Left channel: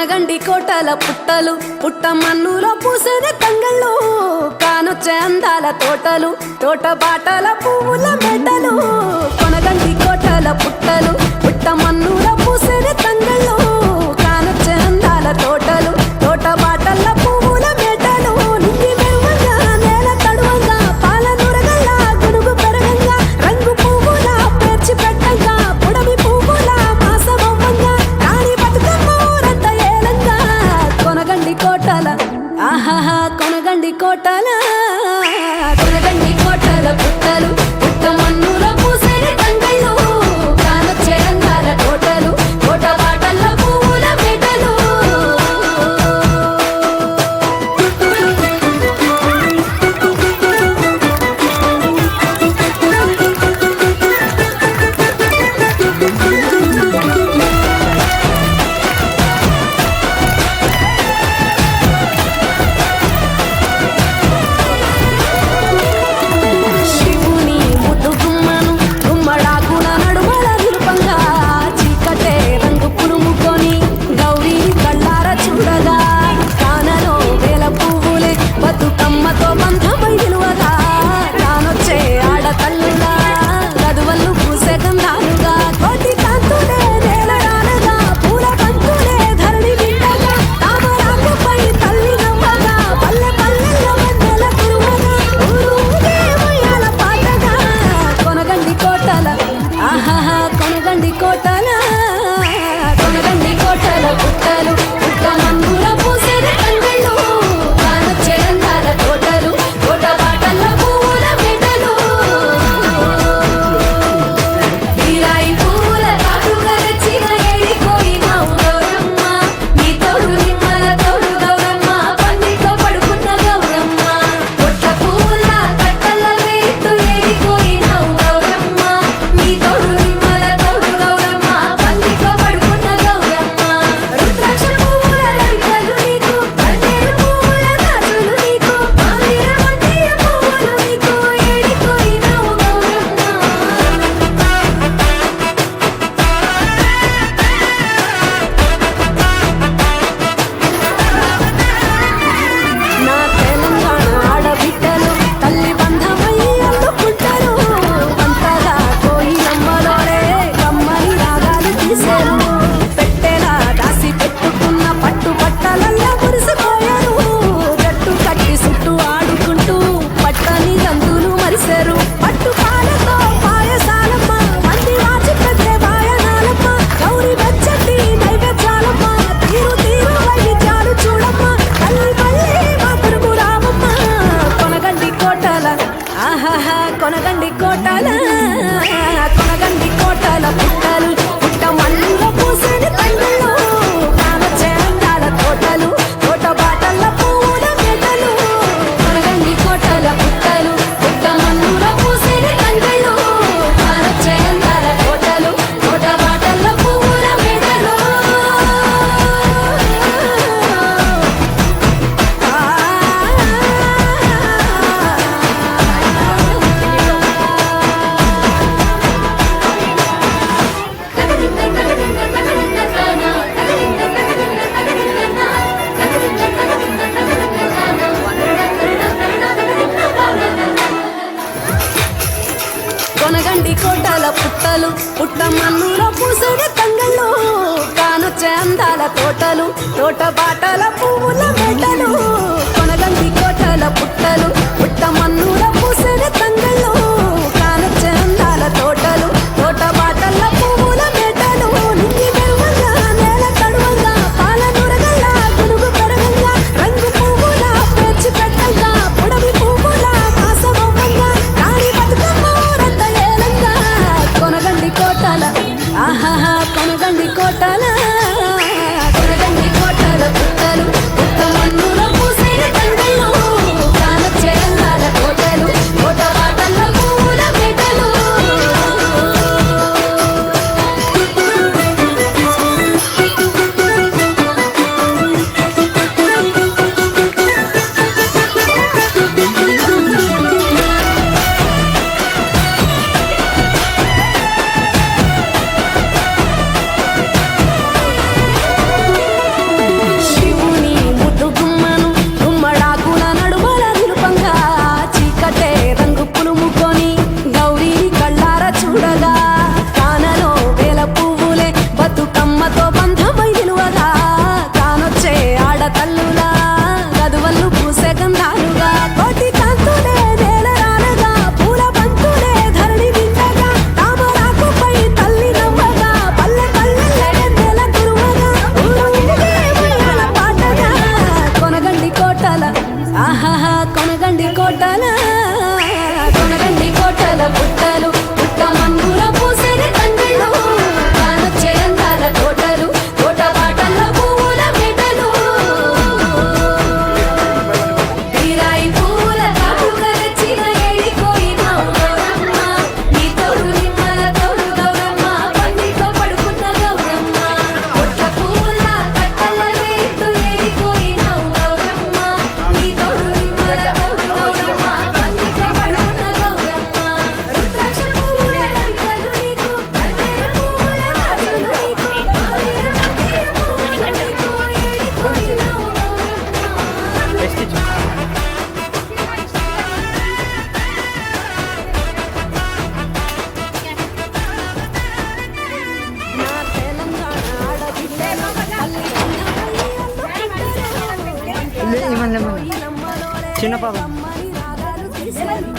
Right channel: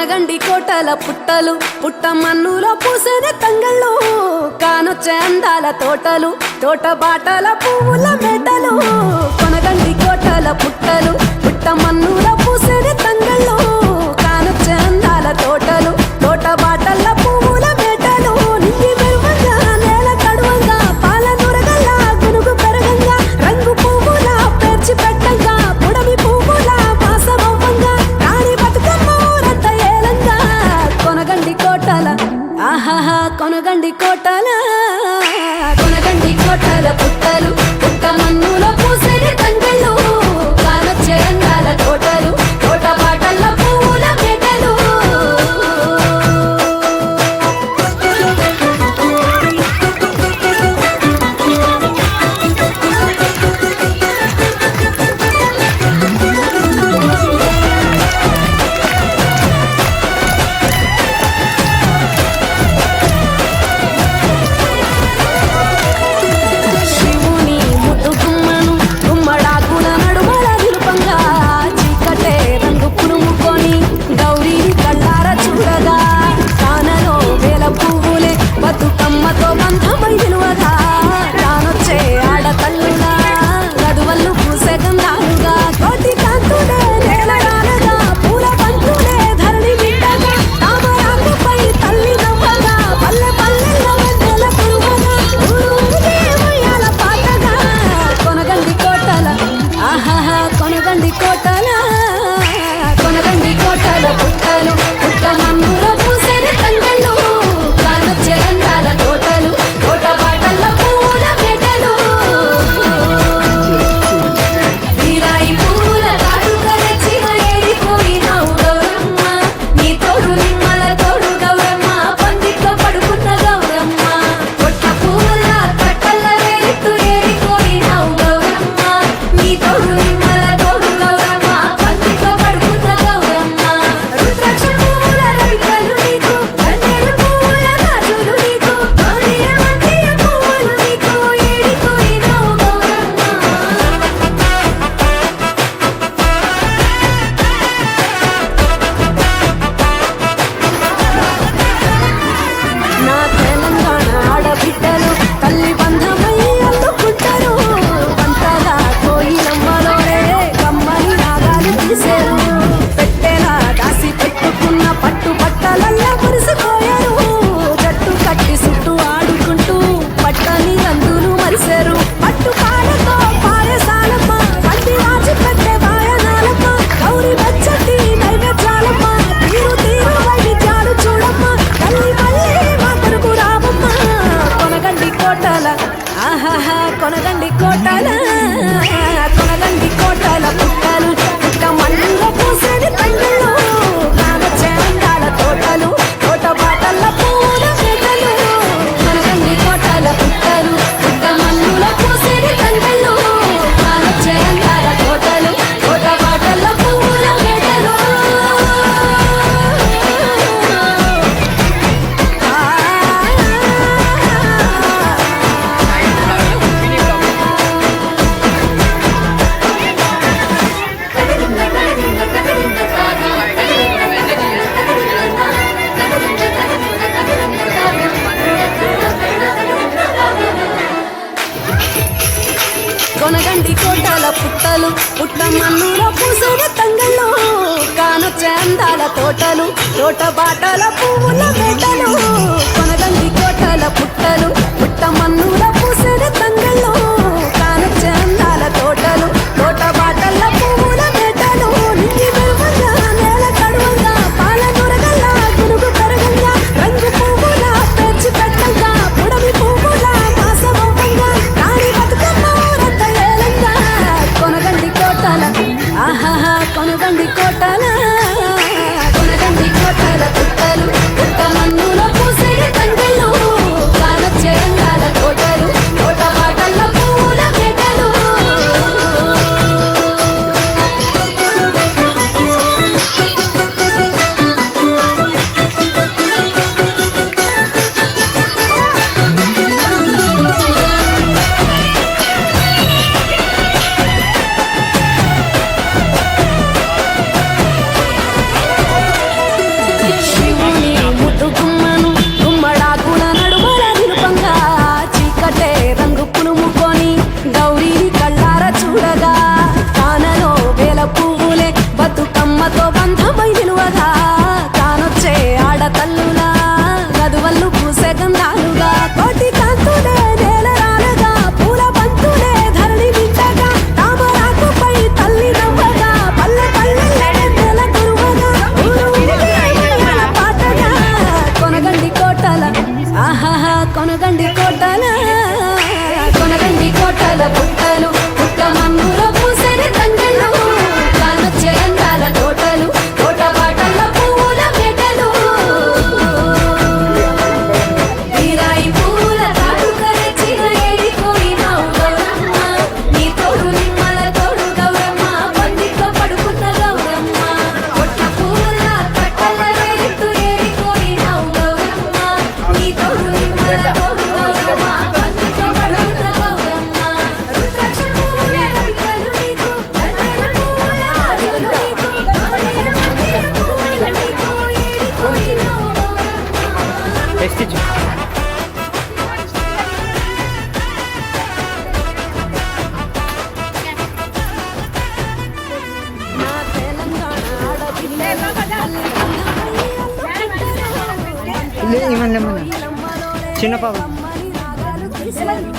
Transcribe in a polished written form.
కొనగండి కోటల పుట్టలు పుట్ట మన్నులో పూసేనే తంగళ్ళు కానొచ్చే అందాల తోటలు తోట బాటల పువ్వుల మెటలు కొనగండి కోటల పుట్టలు పుట్ట మన్నులో పూసేనే తంగళ్ళు కానొచ్చే అందాల తోటలు తోట బాటల పువ్వుల మెటలు నింగి మెరువంగా నేల తడువంగా పాల నురగల్లా గునుగు పెరగంగా రంగు పువ్వుల పేర్చి పెట్టంగా పుడమి పువ్వుల మాసమవ్వంగా రాణి బతుకమ్మ ఊరంతా ఏలంగా కొనగండి కోటల ఆహాహా కొనగండి కోటల కొనగండి కోటల పుట్టలు పుట్ట మన్నులో పూసేని తంగళ్ళు కానొచ్చే అందాల తోటలు తోట బాటల పువ్వుల మెటలు శివుని ముద్దు గుమ్మను గుమ్మడాకుల నడుమల నిలుపంగా చీకటే రంగు పులుముకొని గౌరీని కళ్ళార చూడగా కానలో వేల పువ్వులే బతుకమ్మతో బంధమై నిలువగా కానొచ్చే ఆడతల్లులా గదువల్లు పూసే గంధాలుగా కోటి కాంతులే నేల రానగా పూల పంతులే ధరణి నిండగా తామరాకుపై తల్లి నవ్వగా పల్లె పల్లెల్లో వెన్నెల కురువగా ఊరూగే ఉయ్యాల పాటగా కొనగండి కోటల ఆహాహా కొనగండి కోటల కొనగండి కోటల పుట్టలు పుట్ట మన్నుల పూసేని తంగళ్ళు కానొచ్చే అందాల తోటలు తోట బాటల పువ్వుల మెటలు వీరాయి పువ్వుల తాటుగా నెచ్చిన ఏడిపోయినావు గౌరమ్మ నీ తోడు నిమ్మల తోడు గౌరమ్మ పందిట్లో పడుకున్న గౌరమ్మ కొట్ల పువ్వుల కట్టల్ల వేడిత్తు ఏడిపోయినావు గౌరమ్మ నీ తోడు నిమ్మల తోడు గౌరమ్మ పందిట్లో పడుకున్న గౌరమ్మ రుద్రాక్ష పువ్వుల రవికలు నీకు కన్నేరు పువ్వుల గాజులు నీకు మోదియ పువ్వులు నీకు ఏడిపోయినావు గౌరమ్మ నా తెలంగాణ ఆడబిడ్డలు తల్లి బంధమై అల్లుకుంటారు వంతగా కోయిలమ్మలోనే కమ్మని రాగాలు తీశారు పెట్టేలా దాసి పెట్టుకున్న పట్టు బట్టలల్లా మురిసిపోయారు జట్టు కట్టి చుట్టూ ఆడుకుంటూ పట్టని రందులు మరిశారు పట్టు పాలతో పాయసాలమ్మ వండి వాచి పెట్టే వాయనాలమ్మ గౌరి వెచ్చటి నైవేద్యాలమ్మ తీరు తీరు వైవిధ్యాలు చూడమ్మ తల్లి మళ్ళీ మా కొరకు రామమ్మ కొనగండి కోటల ఆహాహా కొనగండి కోటల కొనగండి కోటల పుట్టలు పుట్ట మన్నులో పూసేని తంగళ్ళు కానొచ్చే అందాల తోటలు తోట బాటల పూల మెటలు కొనగండి కోటల పుట్టలు పుట్ట మన్నులో పూసేని తంగళ్ళు కానొచ్చే అందాల తోటలు తోట బాటల పూల మెటలు కొనగండి కోటల పుట్టలు పుట్ట మన్నులో పూసేని తంగళ్ళు కానొచ్చే అందాల తోటలు తోట బాటల పువ్వుల మెటలు కొనగండి కోటల పుట్టలు పుట్ట మన్నులో పూసేని తంగళ్ళు కానొచ్చే అందాల తోటలు తోట బాటల పువ్వుల మెటలు నింగి మెరువంగా నేల తడువంగా పాల నురగల్లా గునుగు పెరగంగా రంగు పువ్వుల పేర్చి పెట్టంగా పుడమి పువ్వుల మాసమవ్వంగా రాణి బతుకమ్మ ఊరంతా ఏలంగా కొనగండి కోటల ఆహాహా కొనగండి కోటల కొనగండి కోటల పుట్టలు పుట్ట మన్ను బతుకమ్మతో బంధమై నిలువగా కానొచ్చే ఆడతల్లులా గదువల్లు పూసే గంధాలుగా కోటి కాంతులే నేలరాలుగా పూల బంతులే ధరణి నిండగా తామరాకుపై తల్లి నవ్వగా పల్లె పల్లె నెల కురువగా ఊరు ఊరికే ఉయ్యాల పాటగా కొనగండి కోటల ఆహాహా కొనగండి కోటల పుట్టలు పుట్ట మన్నులో పూసరి తండ్రులు కానొచ్చే అందాల తోటలు తోట బాటల్ల పువ్వుల మెటలు వీరాయి పూల తాటుక రెచ్చిన ఏడిపోయినావు గౌరమ్మ నీ తోడు నిమ్మల తోడు గౌరమ్మ పందిట్లో పడుకున్న గౌరమ్మ పొట్ల పూల కట్టల ఏడిట్టు ఏడిపోయినావు గౌరమ్మ నీ తోడు నిమ్మల తోడు గౌరమ్మ పందిట్లో పడుకున్న గౌరమ్మ రుద్రాక్ష పూల రవికలు నీకు కన్నెర పూల నదులు నీకు కోరిన మధ్య పూల నీకు ఏడిపోయినావు గౌరమ్మ నా తెలంగాణ ఆడపిల్లల తల్లి కన్నమయ్యి అల్లుకుంటారు చిన్న పాప అమ్మని రాగాలు తీశారు